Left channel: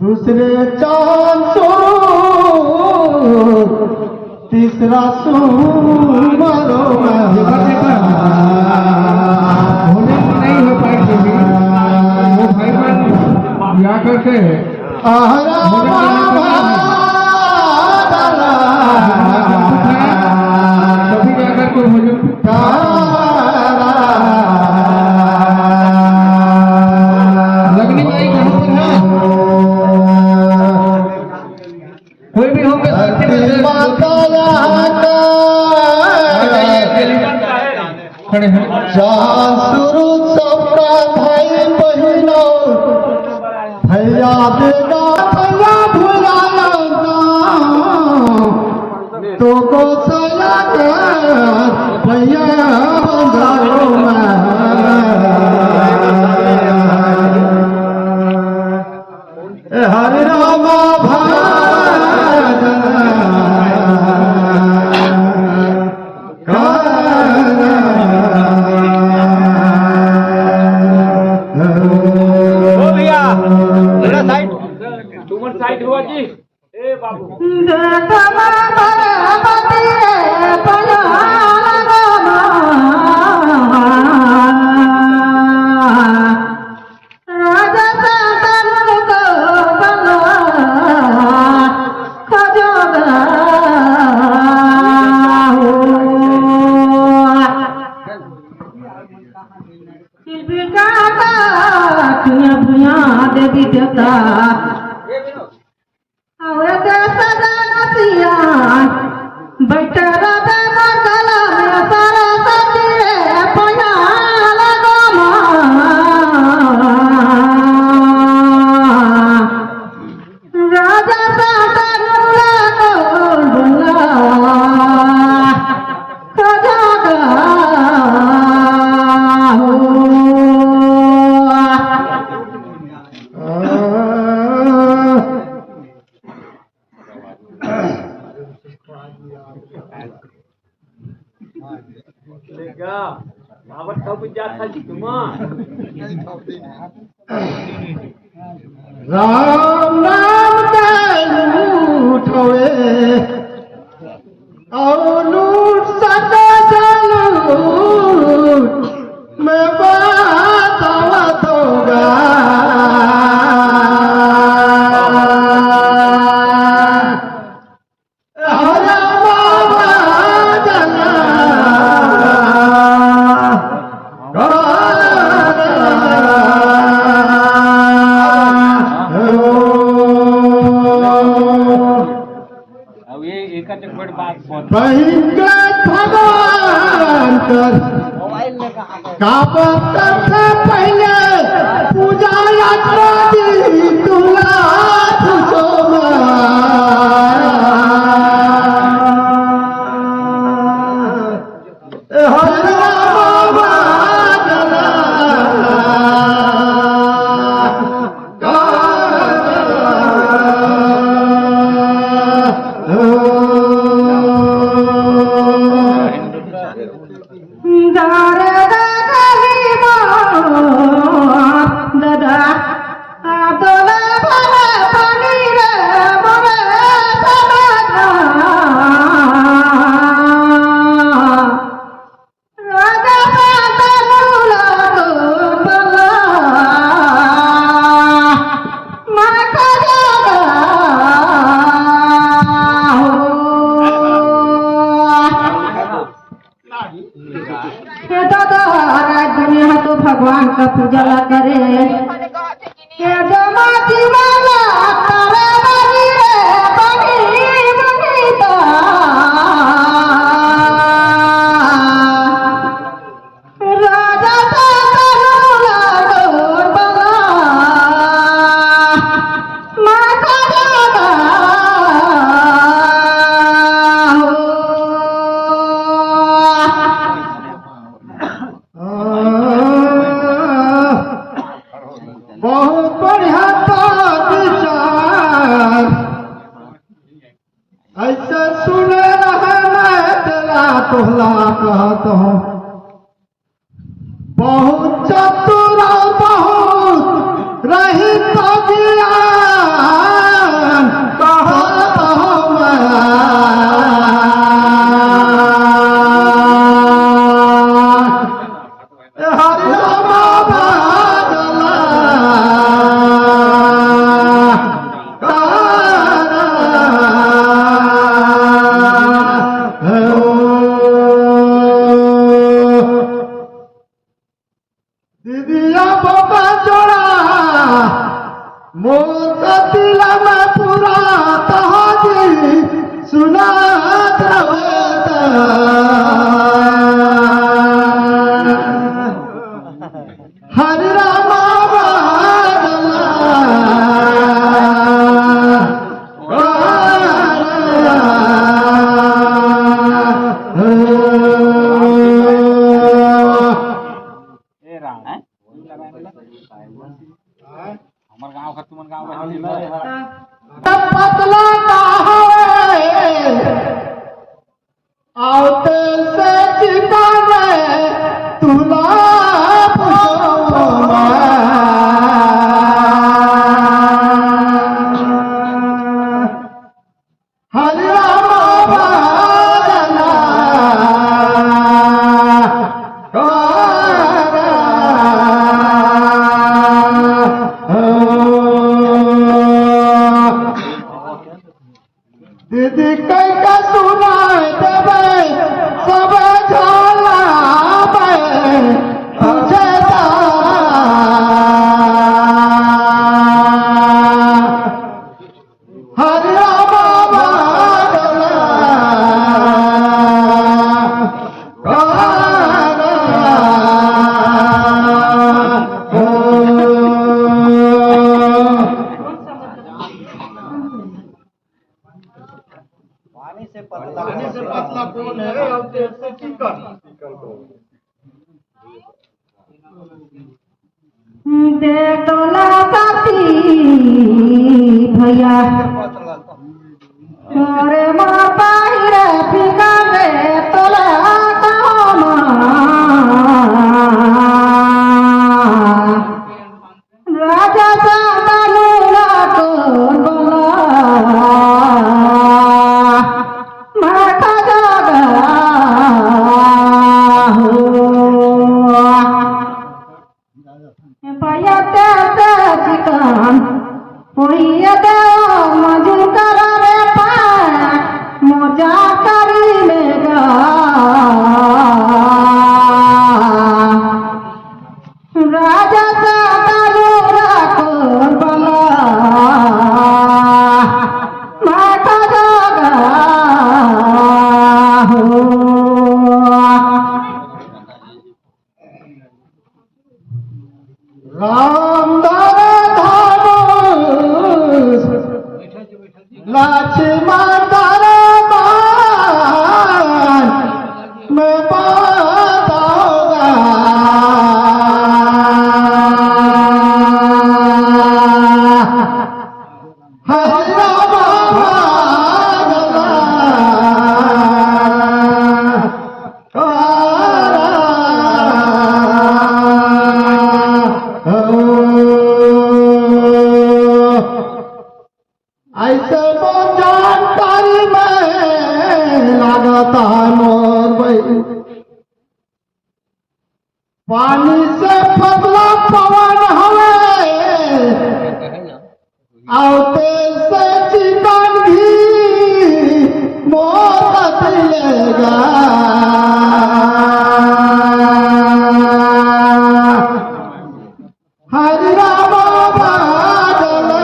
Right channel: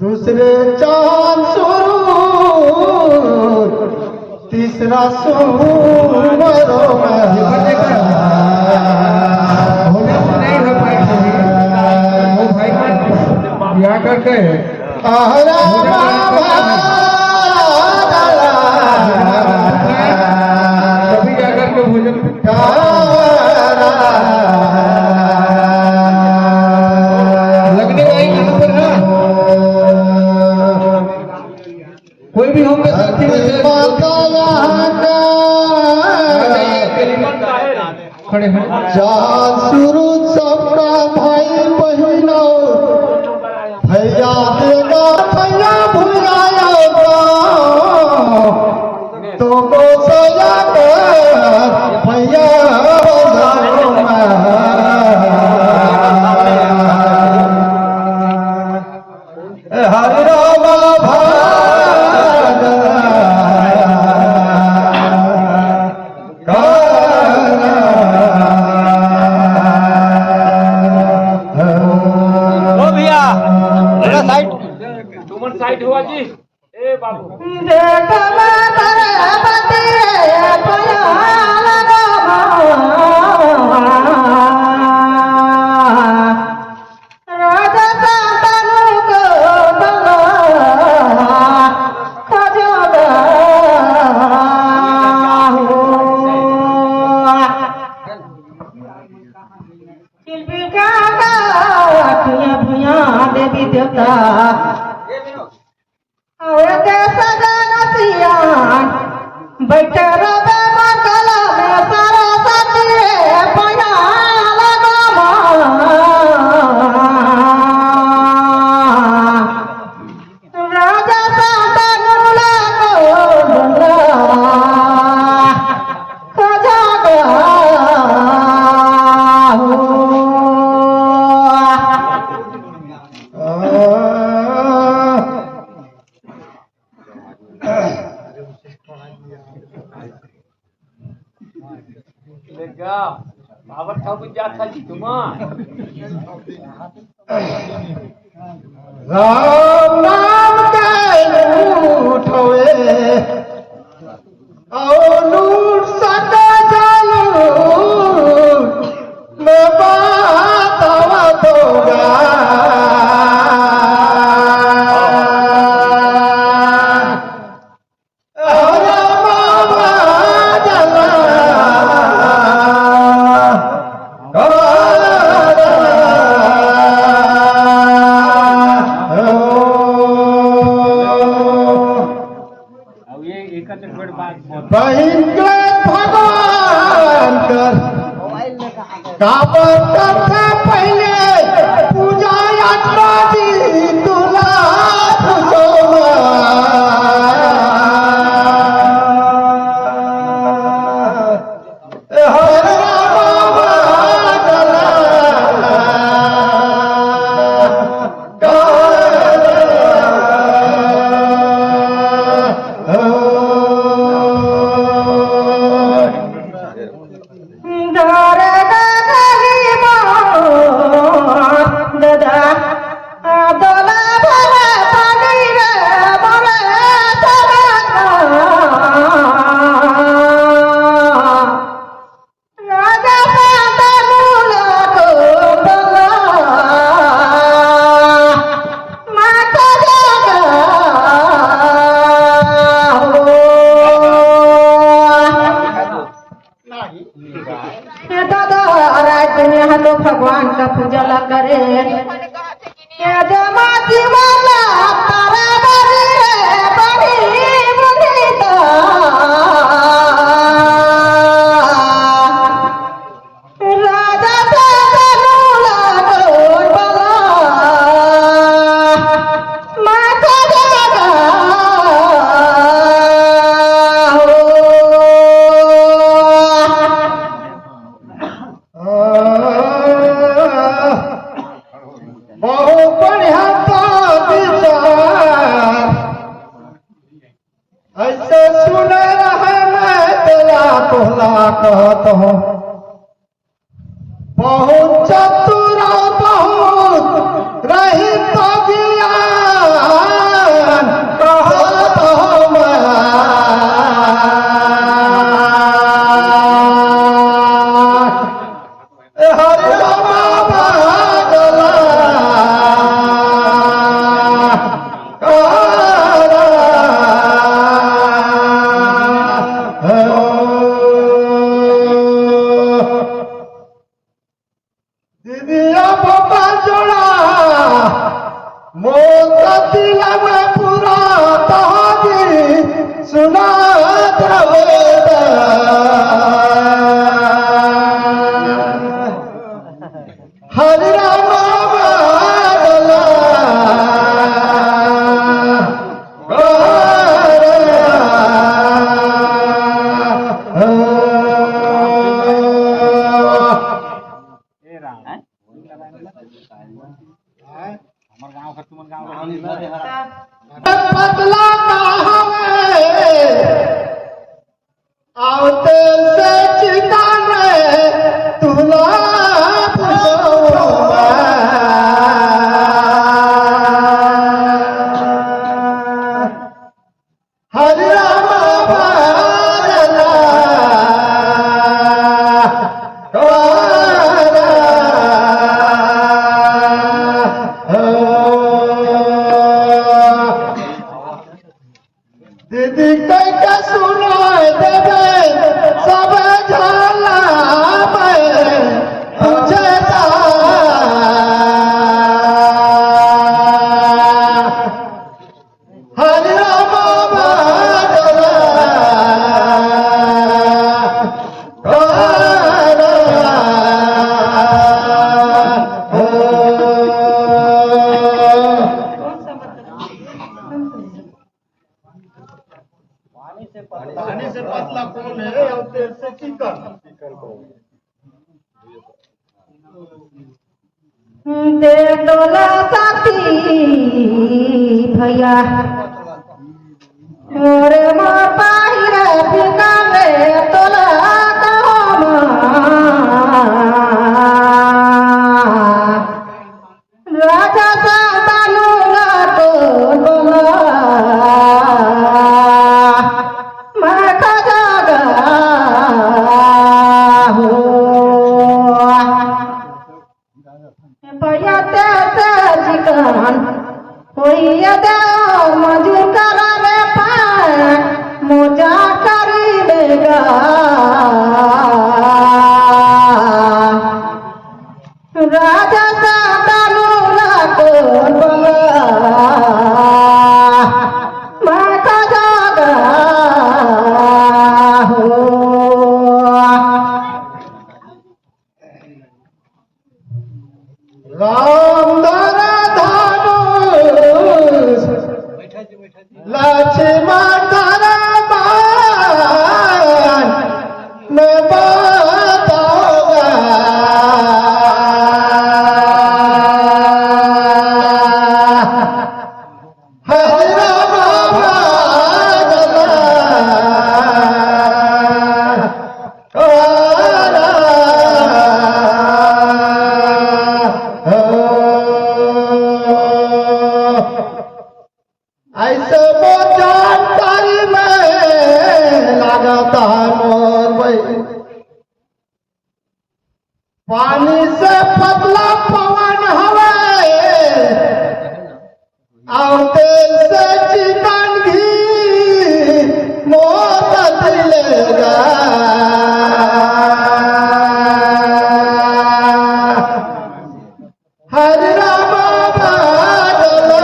दूसरे चांद सूरज तीसरा सूमरो या करके कभी क्या करके भोजन लगने वाली कहाँ पर है कोई भी होंगे साथी में खड़े हैं शुरू सबका भाई बहनो भैया देगा भैया भुलाया तो को सया कर भैया हरि रामा देवी देवता बैठा राम नाम के उठोए और लूट सके चलू मैं बात होगा भगवान कर करते पहले पूजा यात्रा दी तुला भगवान का पूजा ला करे बहुत बढ़िया विचार ऐसे सुने रहे मैं तेरा तोहला कहत हूँ बहुत चतुर बहुत रही तो ज्ञान कहत हम हरि राम बादला दीदिया बोका जोड़ा मोका दिला में पूरा तहाजी सुनात रवेदा हरि राम बादला पतला कहावे आवते से चिताने तुला हरि राम बादला दीदी कई का सुनाए देवे सब झाला तुझे हरि राम बादला पानी से पतला कौन है और तेल से चिकन दे तोला साथी भैया मोरे मोर पाहिरे ठिकाने तोला कामा राजा सातानुला तो बोला मैं खजागा हो भैया ते चिकन होइया दे मजूर करा रे पाए मोजा करी लेगा राजा सातानुला को बोला मैं खजागा हो राम दर धनुष लक्ष्मण दर बाण मैं बताऊंगा हरि राम बादला ऐसे वो जानकारी में लगाता मोर भाई पानी से पतला पवन हवे और तेल से चिकन घी मोर दिलेगा हरि राम बादला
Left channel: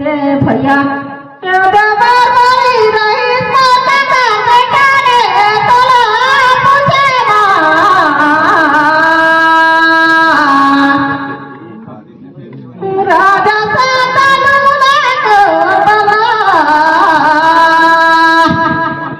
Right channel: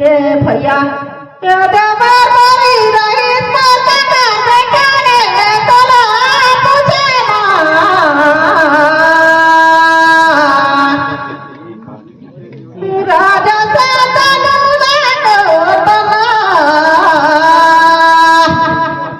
के भैया के देवर बड़ी रही सतना बैठाने तोला पूछे राजा सातनु ने को बना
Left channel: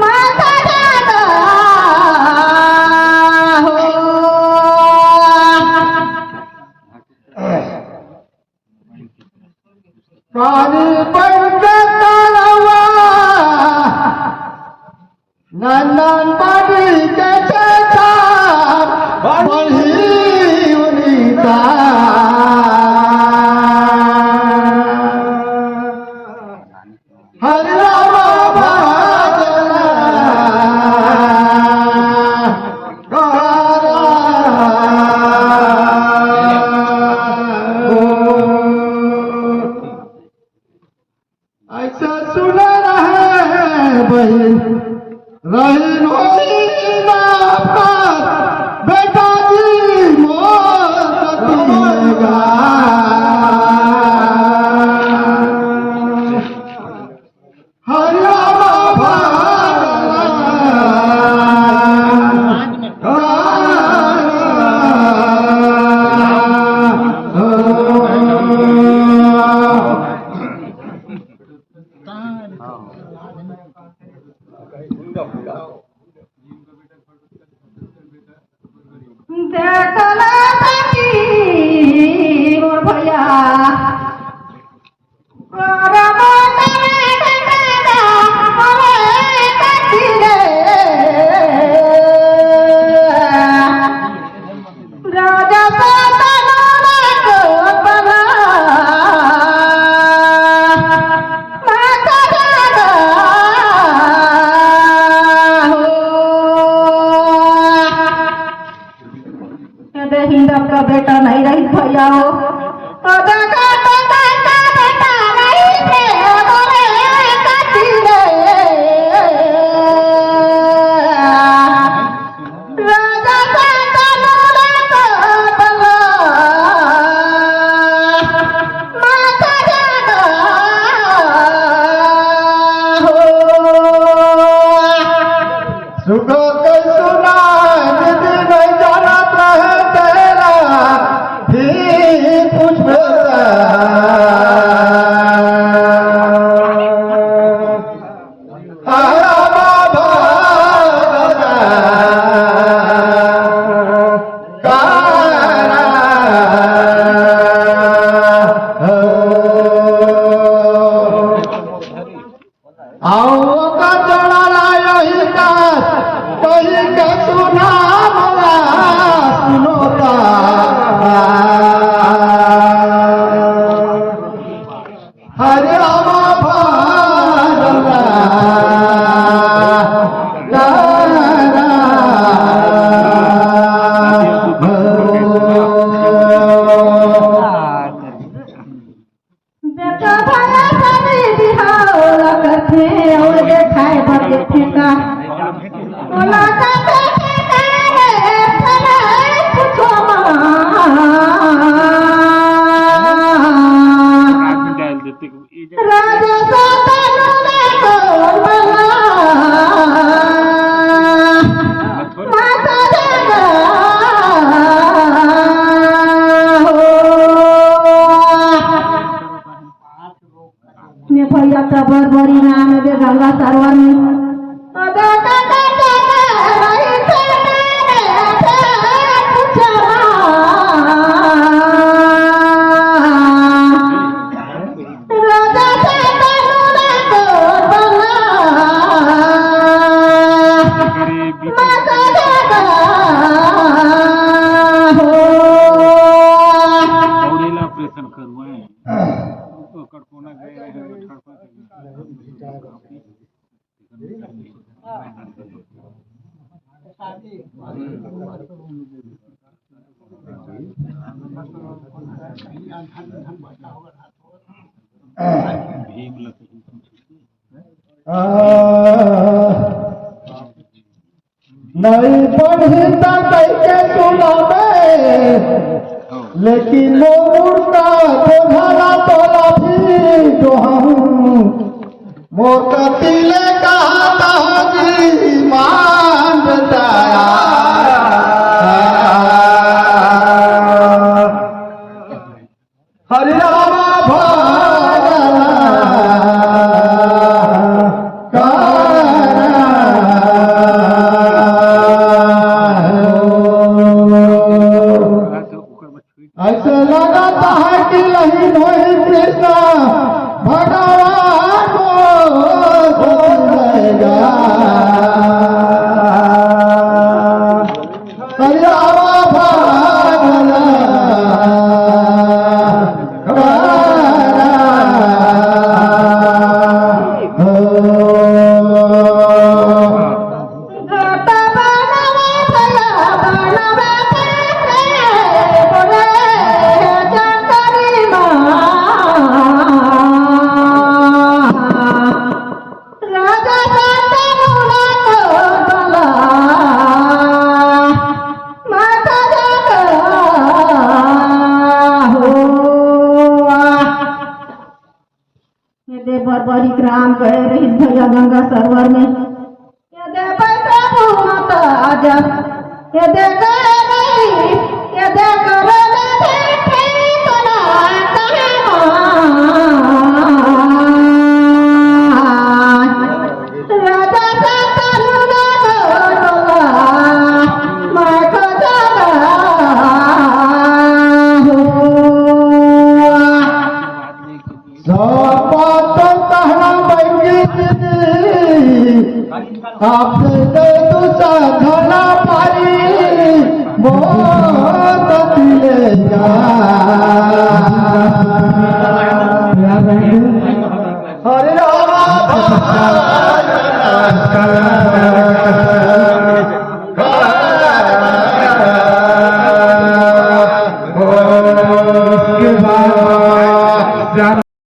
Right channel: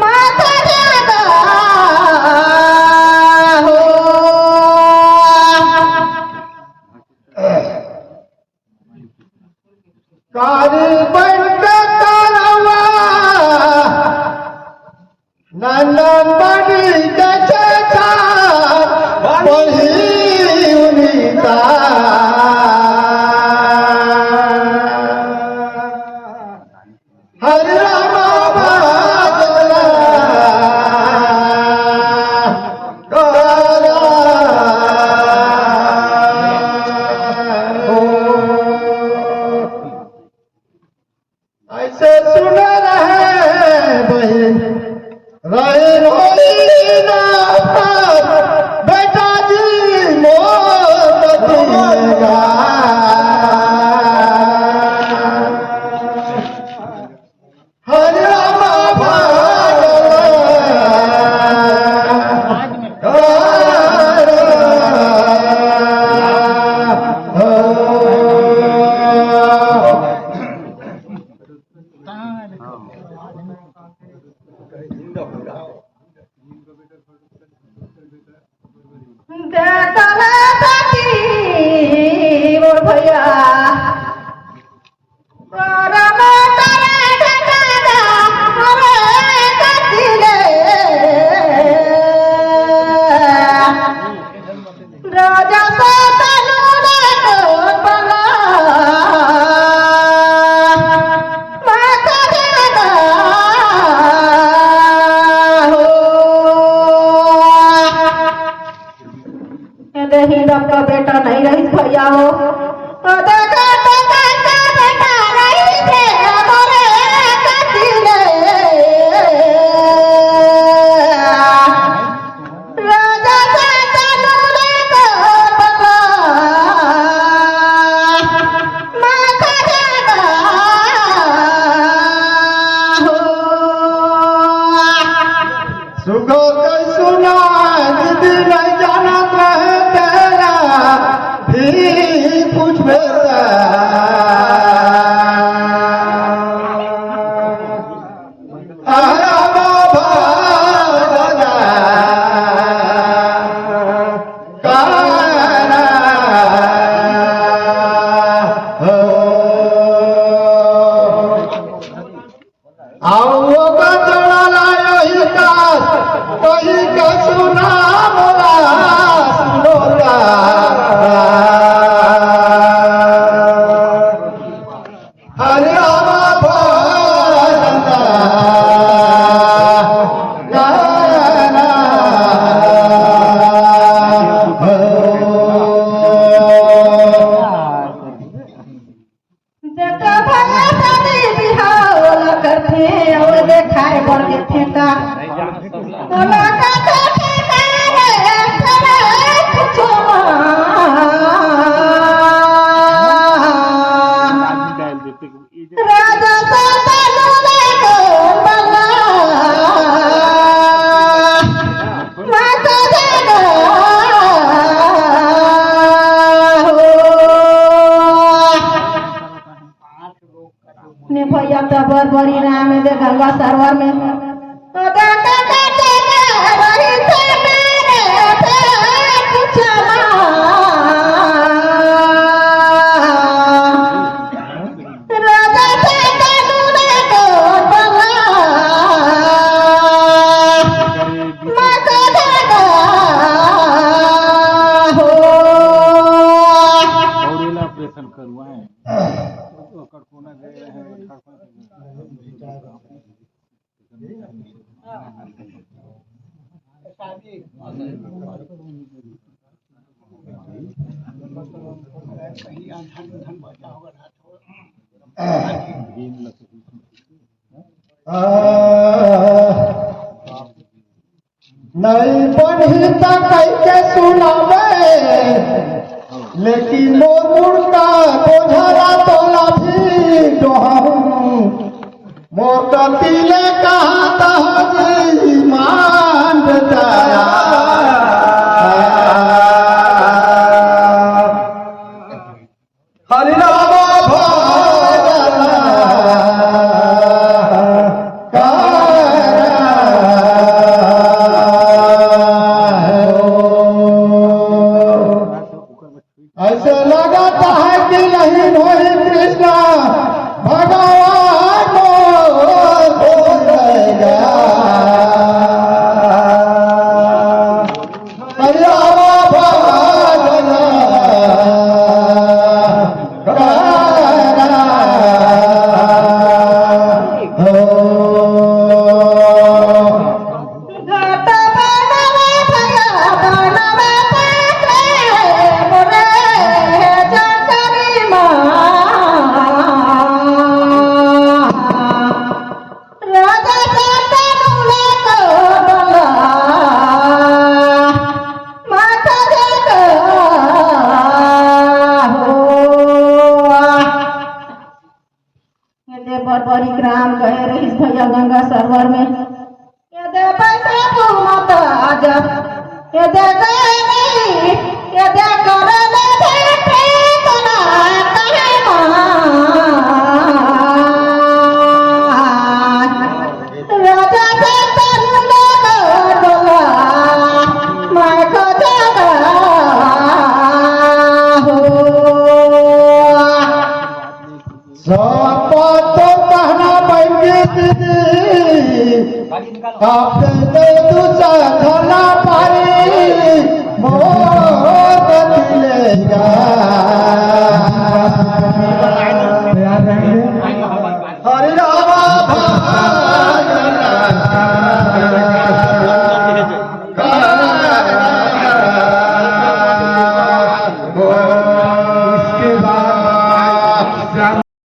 माता जागा हो काली बनके तारवा नंदन बड़ी के चेता बड़ी उनीता हरे राम ऐसे सुन रहे बहन रहे रोईना पर बेटा जी मोत दिएगा हरे राम देखला साथी मोर भैया माता ने ठठा हमें कथी रे राजा सातनु ने को बना माता जागा हो कहते हिंदप का बेटा नहीं रही भैया हो देखा बेटा नहीं थे हमारे कथी रे राजा सातनु ने को बना माता जागा हो सुगो के सुना दीदी नहीं जानत रहे तेरा भी कुछ बेटा तारा बाबा काना हो आओ का जोड़ा लायो ही का कही का सुना मोरा सुनोगा हरे राम भानंदा गाना देखा भला शादी बिहार करते और देखाए बर देखे का तोला का देखे रे सरे कुछो राजा सातनु ने को बना माता जागा ने भैया का बड़ी नाम है दे गंगा सरोवर में तो देखा वही से मेरे पूछा राजा सातनु ने को बना माता जागा हो ऑपरेशन करवाएं कड़कोना गए हैं नहीं बनता कैसे सुनावे लेकिन वो मुर्गा तो झरा तोला भी मोकतीले कहा जी मांडता हरि राम ऐसे लगाता है कि नहीं नहीं कृष्ण भगवान हो जाएगा घाट बनवे भया बनवे रे बोले जकरी राजा शांतनुला बोला माता जग हो ये बरबरी ग्राम गए रही भैया गंगा सरोवर में ये दे पैसा भूमता अजब ये दे गए नहीं ये दे कर दे ठीक ना कहे राजा शांतनुला डोला मैं को जागा हो तो कहना बैठी दीदी आपसे दे दूसरा धना पारी बहुत दिलेगा हरि राम